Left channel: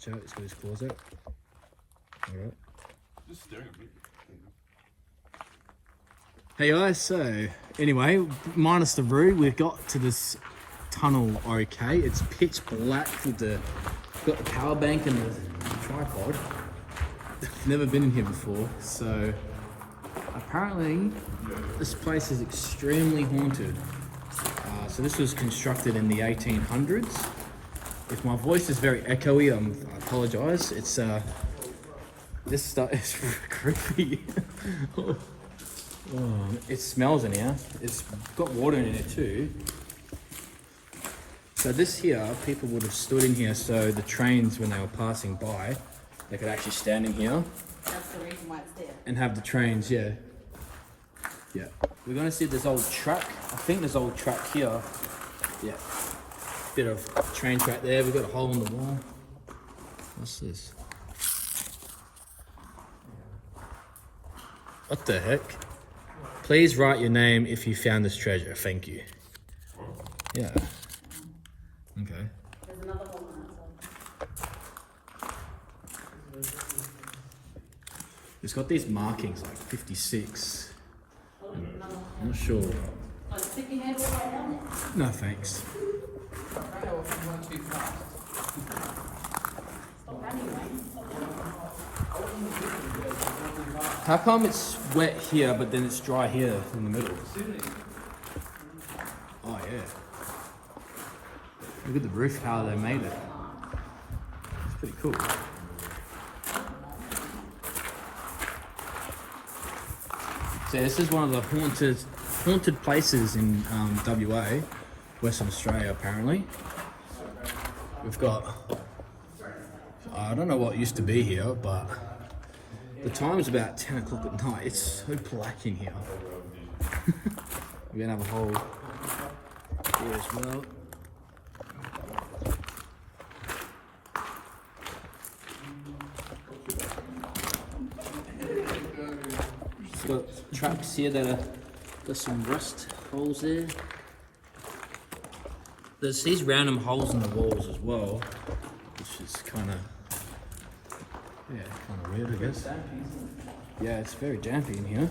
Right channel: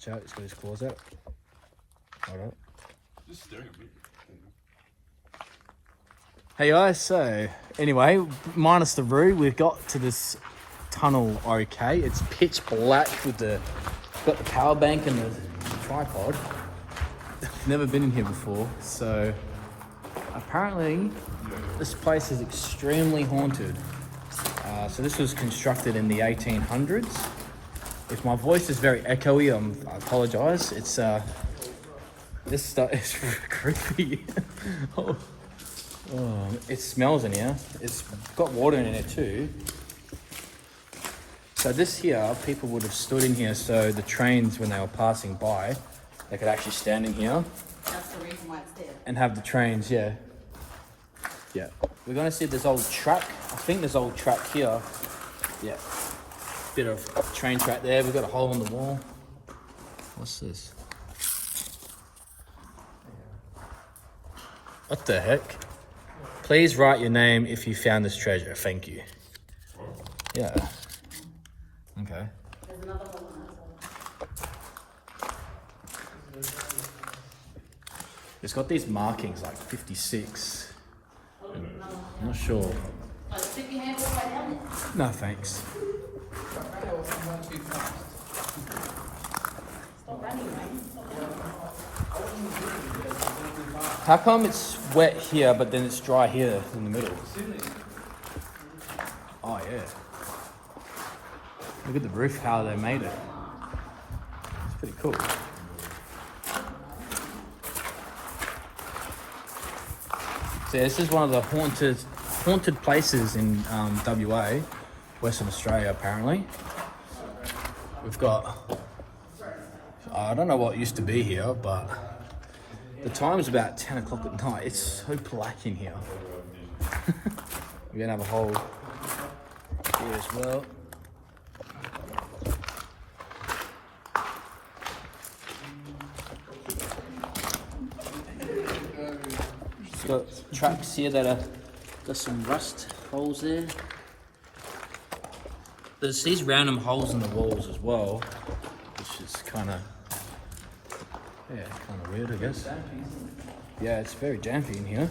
Watch out, he's got his claws out. Hold up. Just staring at me. Hey guys, so anyway, minus the roo, we've got to this tunnel okay. It's pitch black with got the power bank and the tripod. Never been in here before, so apparently this place is extremely haunted. So this was constructed in the 1800s. If my voice is very echoey, I apologise. It's this stuff is creepy. Oh, it smells in here. It's got water in it too. So this here, people would have stood in here so the trains, when they were passing by, they could actually stand in here. That's the reason why it's there. And have the trains, yeah. Yeah. We're gonna see this old track. I think there's old track here. Yeah. Bit of train track there. We've got a hole in the wall. What's this? What the heck? Please write your name if you found this treasure. Thank you. Yeah. Okay. There's another one. It's got these markings like 56. I'm not sure. Stick your hand in that helmet. No thanks. Stop running, mate. How come it's wet here but then it's dry here in the middle? Oh yeah. Look at the roof, how they made it. It's pretty cool. So this is one of the haunted places in WA, Western Australia apparently. We've got, I don't know what used to be here, but the time's about 10 o'clock at night. It's so black in here. We're gonna have a hole here as well. It's got tracks here that got some rust holes there. There's these random holes in the walls as well, which is kind of weird, I guess. Yeah, it's very dampy in here.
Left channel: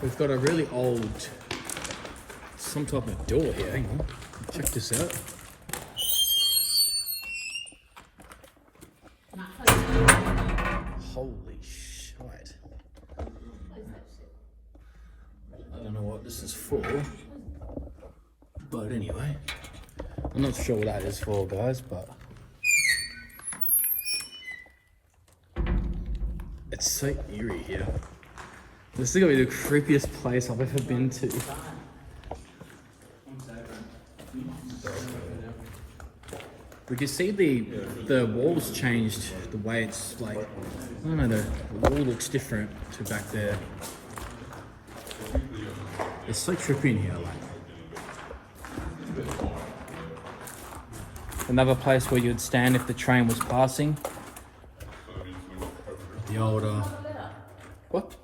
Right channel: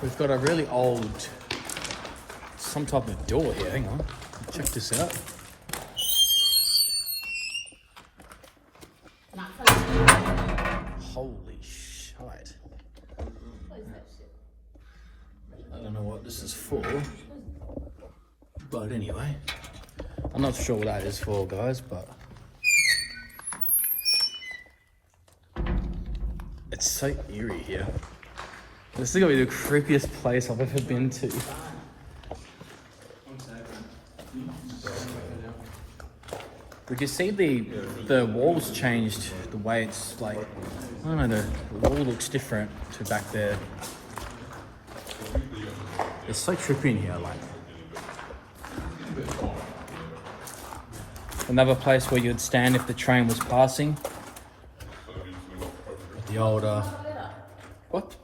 We've got a really old, some type of door here. Hang on, check this out. Holy shit. I don't know what this is for, but anyway, I'm not sure what that is for, guys, but it's so eerie here. This is gonna be the creepiest place I've ever been to. We can see the walls changed, the way it's like, I don't know, the wall looks different to back there. It's so trippy in here, like. Another place where you'd stand if the train was passing. The old, what?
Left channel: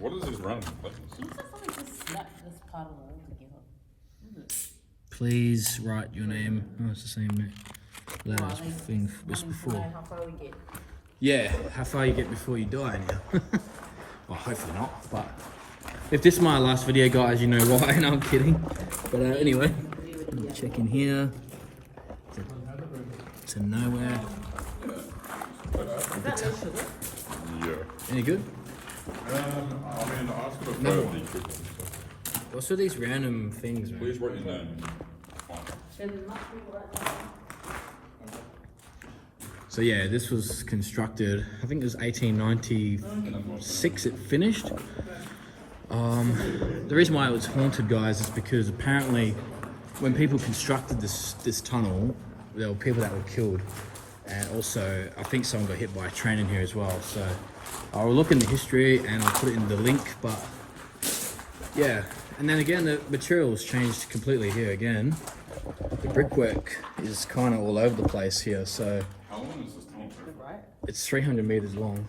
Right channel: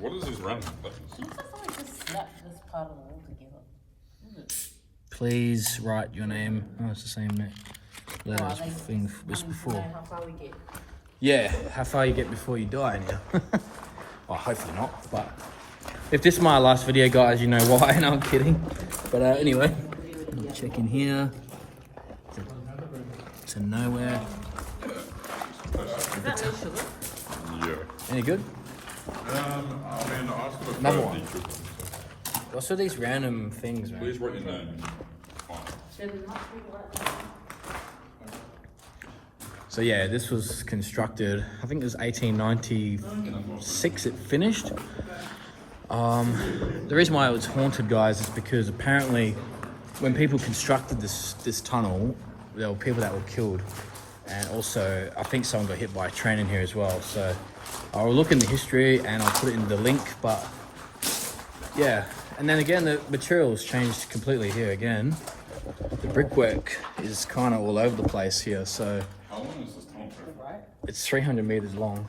What is this random thing? Please write your name. Oh, it's the same letter as thing was before. How far we get? Yeah, how far you get before you die now. Well, hopefully not, but if this is my last video, guys, you know why. No, I'm kidding. But anyway, check in here. To nowhere. Yeah. Any good? Another one. What's with these random things, man? Please write your name. So yeah, this was constructed, I think it was 1896 it finished. The reason why it was haunted, guys, is because apparently when people constructed this tunnel, there were people that were killed. And also, I think someone got hit by a train in here as well. So I'll look in the history and I'll put it in the link, but yeah. And then again, the materials changed completely here again. The brickwork is kind of all over the place here, so it's 300 meters long.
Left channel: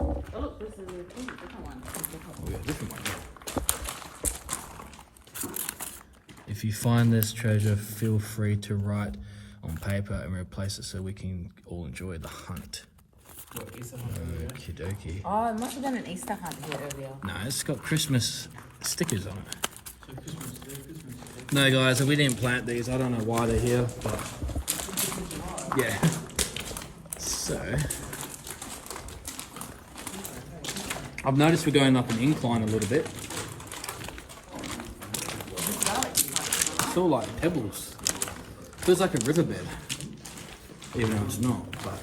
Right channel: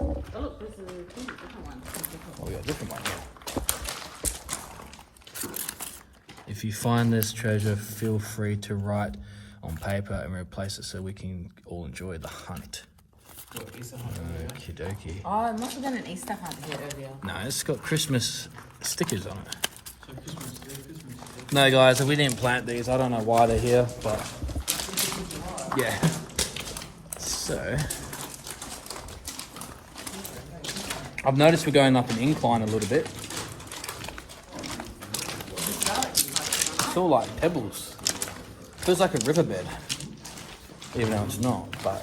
Oh, we got a different one here. If you find this treasure, feel free to write on paper and replace it so we can all enjoy the hunt. Okie dokie. Oh, it must have been an Easter hunt here earlier. No, it's got Christmas stickers on it. No, guys, we didn't plant these. I don't know why they're here, but yeah. So, I've noticed we're going up an incline a little bit. It's all like pebbles. Feels like a riverbed, even though it's not, but.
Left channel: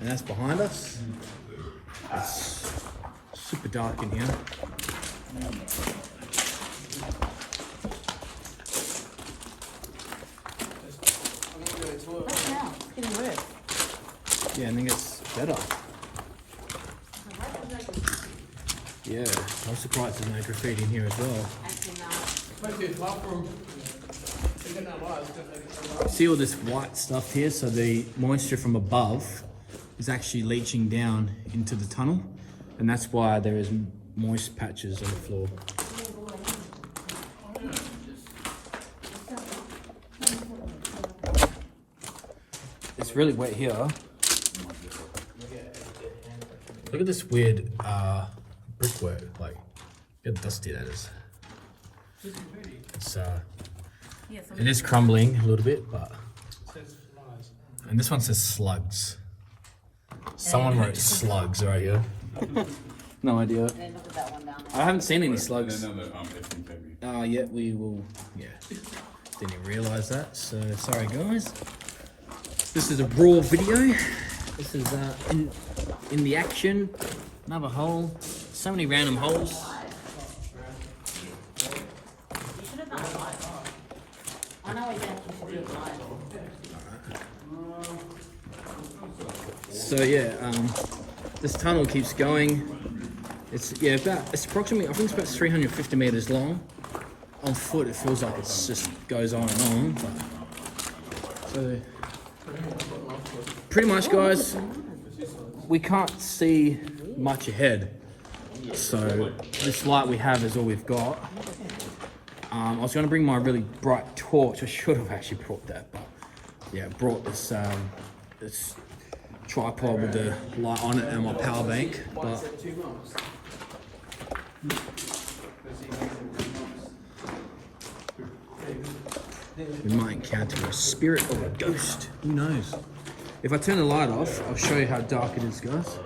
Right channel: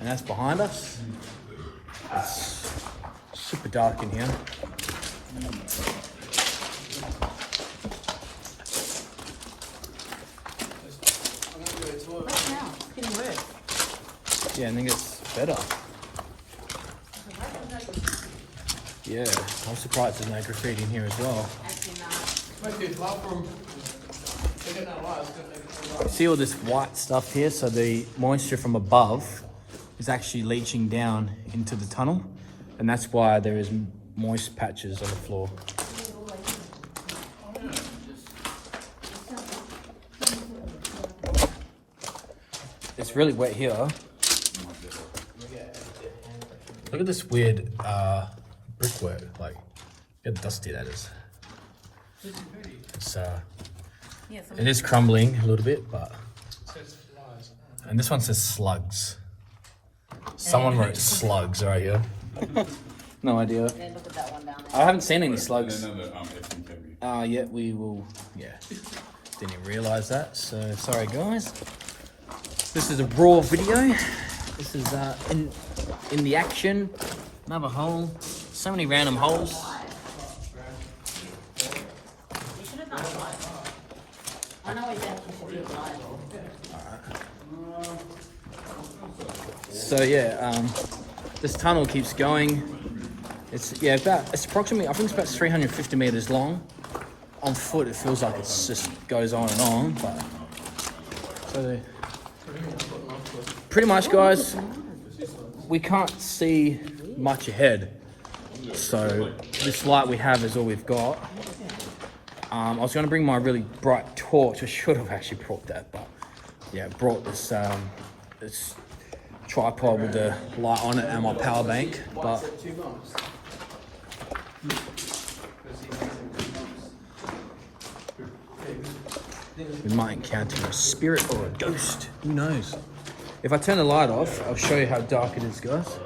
And that's behind us. It's super dark in here. Yeah, and then it gets better. Yeah, I'm surprised there's no graffiti in here as well. See all this white stuff here? So the moisture from above is actually leaching down into the tunnel, and that's why there is moist patches on the floor. It's really wet here. Look at this weird brickwork, like how dusty that is. It's it is crumbling a little bit, but and this one says slugs. Someone wrote slugs right here. No idea. Look at that one down there. I haven't seen any slugs. Yeah, We will. Yeah, didn't even realize that. So sorry, guys. This is a raw video. This is in the action. Another hole. So many random holes. You should have done mine. I know what you should do mine. So yeah, this tunnel keeps going. It's approximately, I think it's about 350 meters long. On foot, it feels like it just goes on and on. But so pretty much, guys, we can't see much ahead. So this light we have is all we've got. I was going to bring my really bright torch. I should have actually brought that, but yeah, I brought this this tripod with the light on it and my power bank. But we might encounter a spirit or a ghost. Who knows? If I turn the light off, I'll show you how dark it is, guys.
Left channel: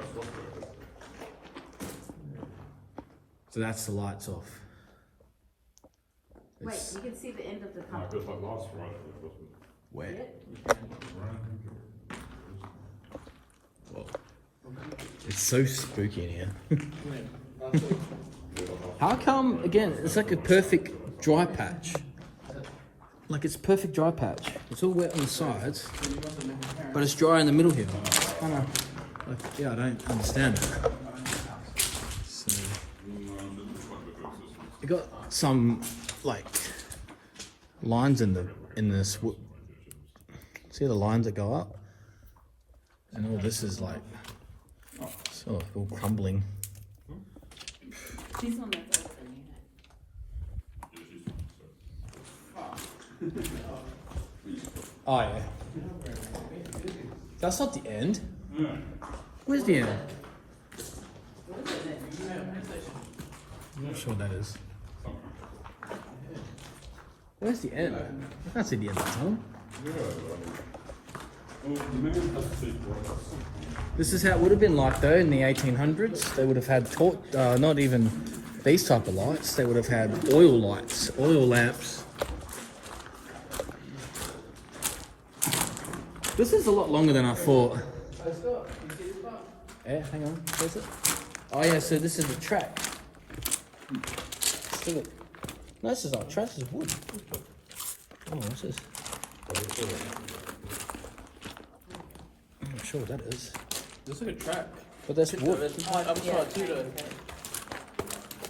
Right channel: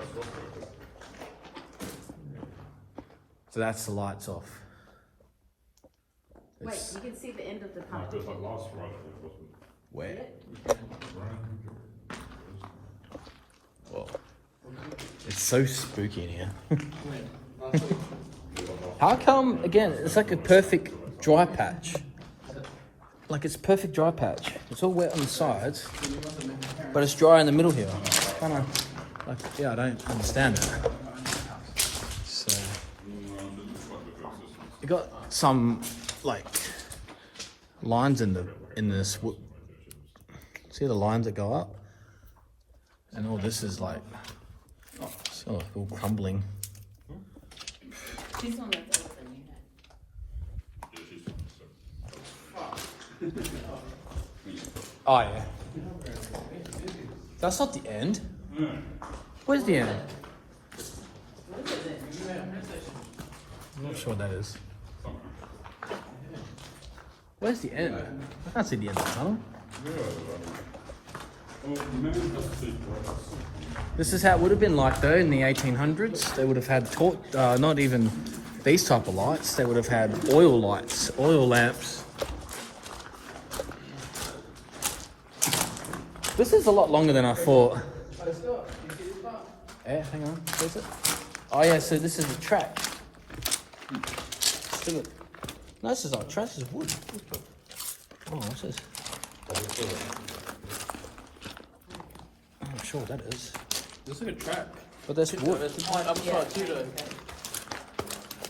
So that's the lights off. Wait, you can see the end of the tunnel. Where? Whoa. It's so spooky in here. How come, again, it's like a perfect dry patch. Like it's perfect dry patch. It's all wet on the sides, but it's dry in the middle here. It's kind of like, yeah, I don't understand that. So, you got some like lines in this. See the lines that go up, and all this is like, it's all crumbling. Oh yeah. That's not the end. Where's the end? I'm not sure what that is. Where's the end? I can't see the end of the tunnel. This is how it would have been like though in the 1800s. They would have had not even these type of lights. They would have had oil lights, oil lamps. This is a lot longer than I thought. Yeah, hang on. Is it? Oh yeah, so this is the track. No, this is not a track, this is wood. Oh, what's this? I'm not sure what that is. This is a track. But there's wood. There's a point up the front too though.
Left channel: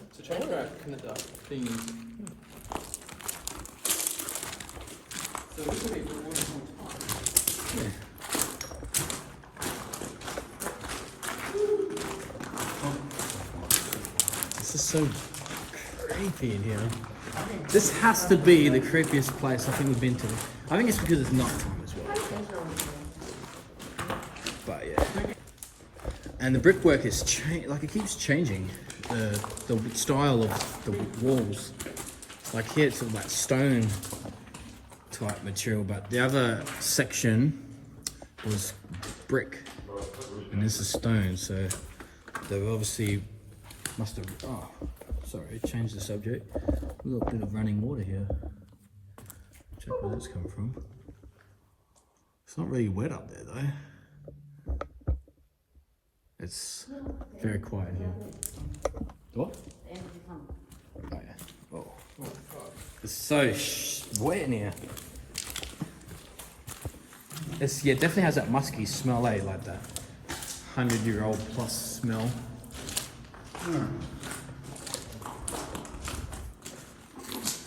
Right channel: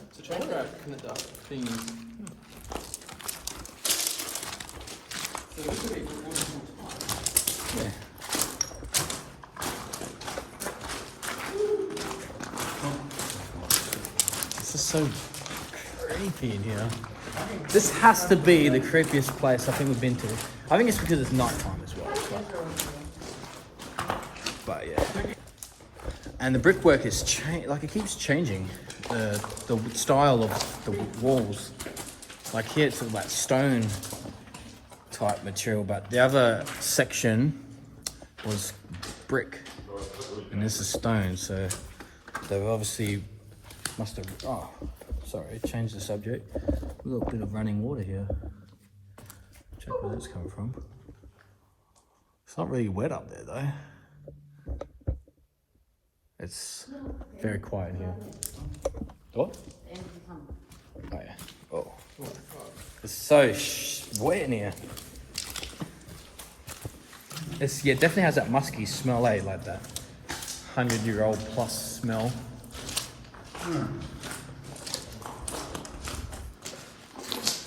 It's a train track in the dark thing. So this will be for Yeah. This is so creepy in here. This has to be the creepiest place I think we've been to. I think it's because it's nighttime as well. But yeah. And the brickwork is like it keeps changing. The style of the walls. Like here it's all that stone type material, but the other section was brick and this is stone, so they obviously must have, oh sorry, changed the subject. A little bit of running water here. Check where that's coming from. It's not really wet up there though. It's very quiet here. What? Oh yeah. Oh. It's so wet in here. It's, yeah, definitely has that musky smell, eh? Like that 100-year-old plus smell.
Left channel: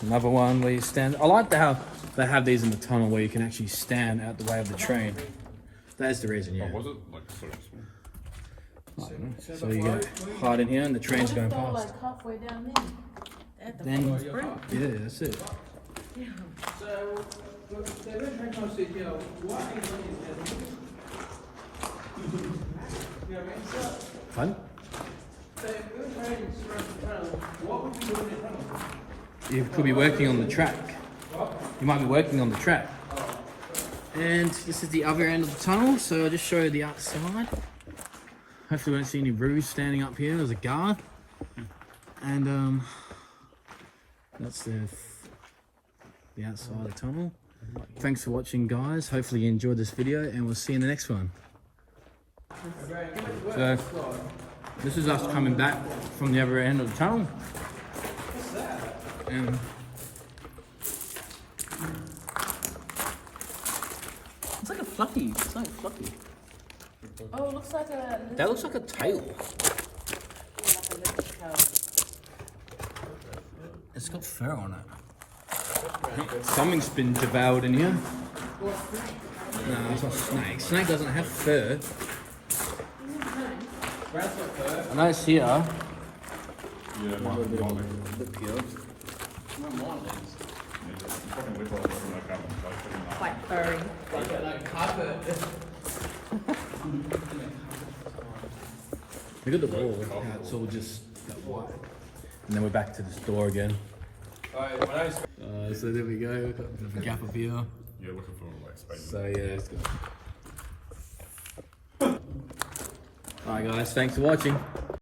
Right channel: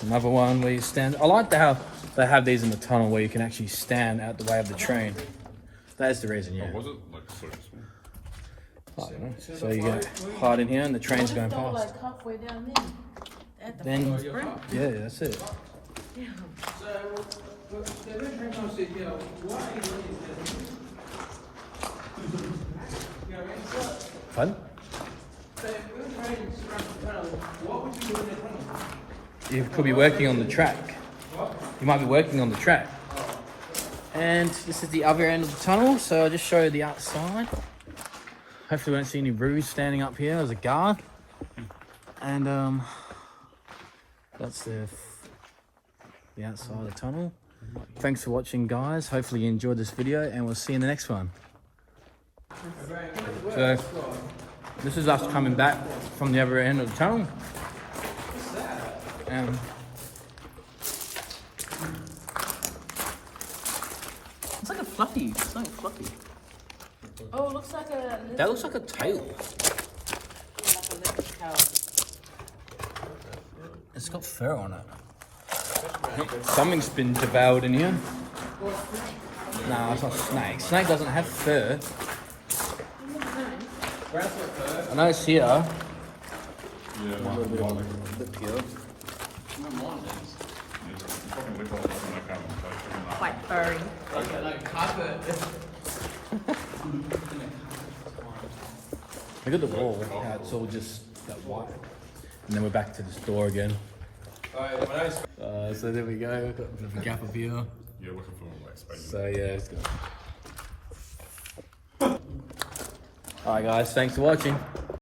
Another one where you stand. I like how they have these in the tunnel where you can actually stand out the way of the train. That's the reason, yeah. Oh, was it? Like, sort of small? I don't know. So you get hard in here and the train's going past. Like halfway down there. Then, yeah, that's it. Fun? You could be working on the track. You might be working on the track. And this is the other end of the tunnel, so I'll just show you the outside. Hopefully we won't see any roos standing up here as a guard. And that's the outside of the tunnel. Thanks for watching, guys. Hopefully you enjoyed this video and we'll see you in the next one. So this is us coming back from the other end of the tunnel. It's like a fluffy. It's like fluffy. Oh, it looks like a... That looks like a tail. It's got fur on it. Something's been devoured in here. No, it's not a snake. Snake doesn't have fur. I know it's here. Yeah, A little bit peeled. Quite firm. Look at the wall, how it's all just that white. And then we're back to this door again. So there we go, we've got a bit of a gap up here. yeah, looking for more like space. So yeah, it's good. Alright guys, thanks for watching.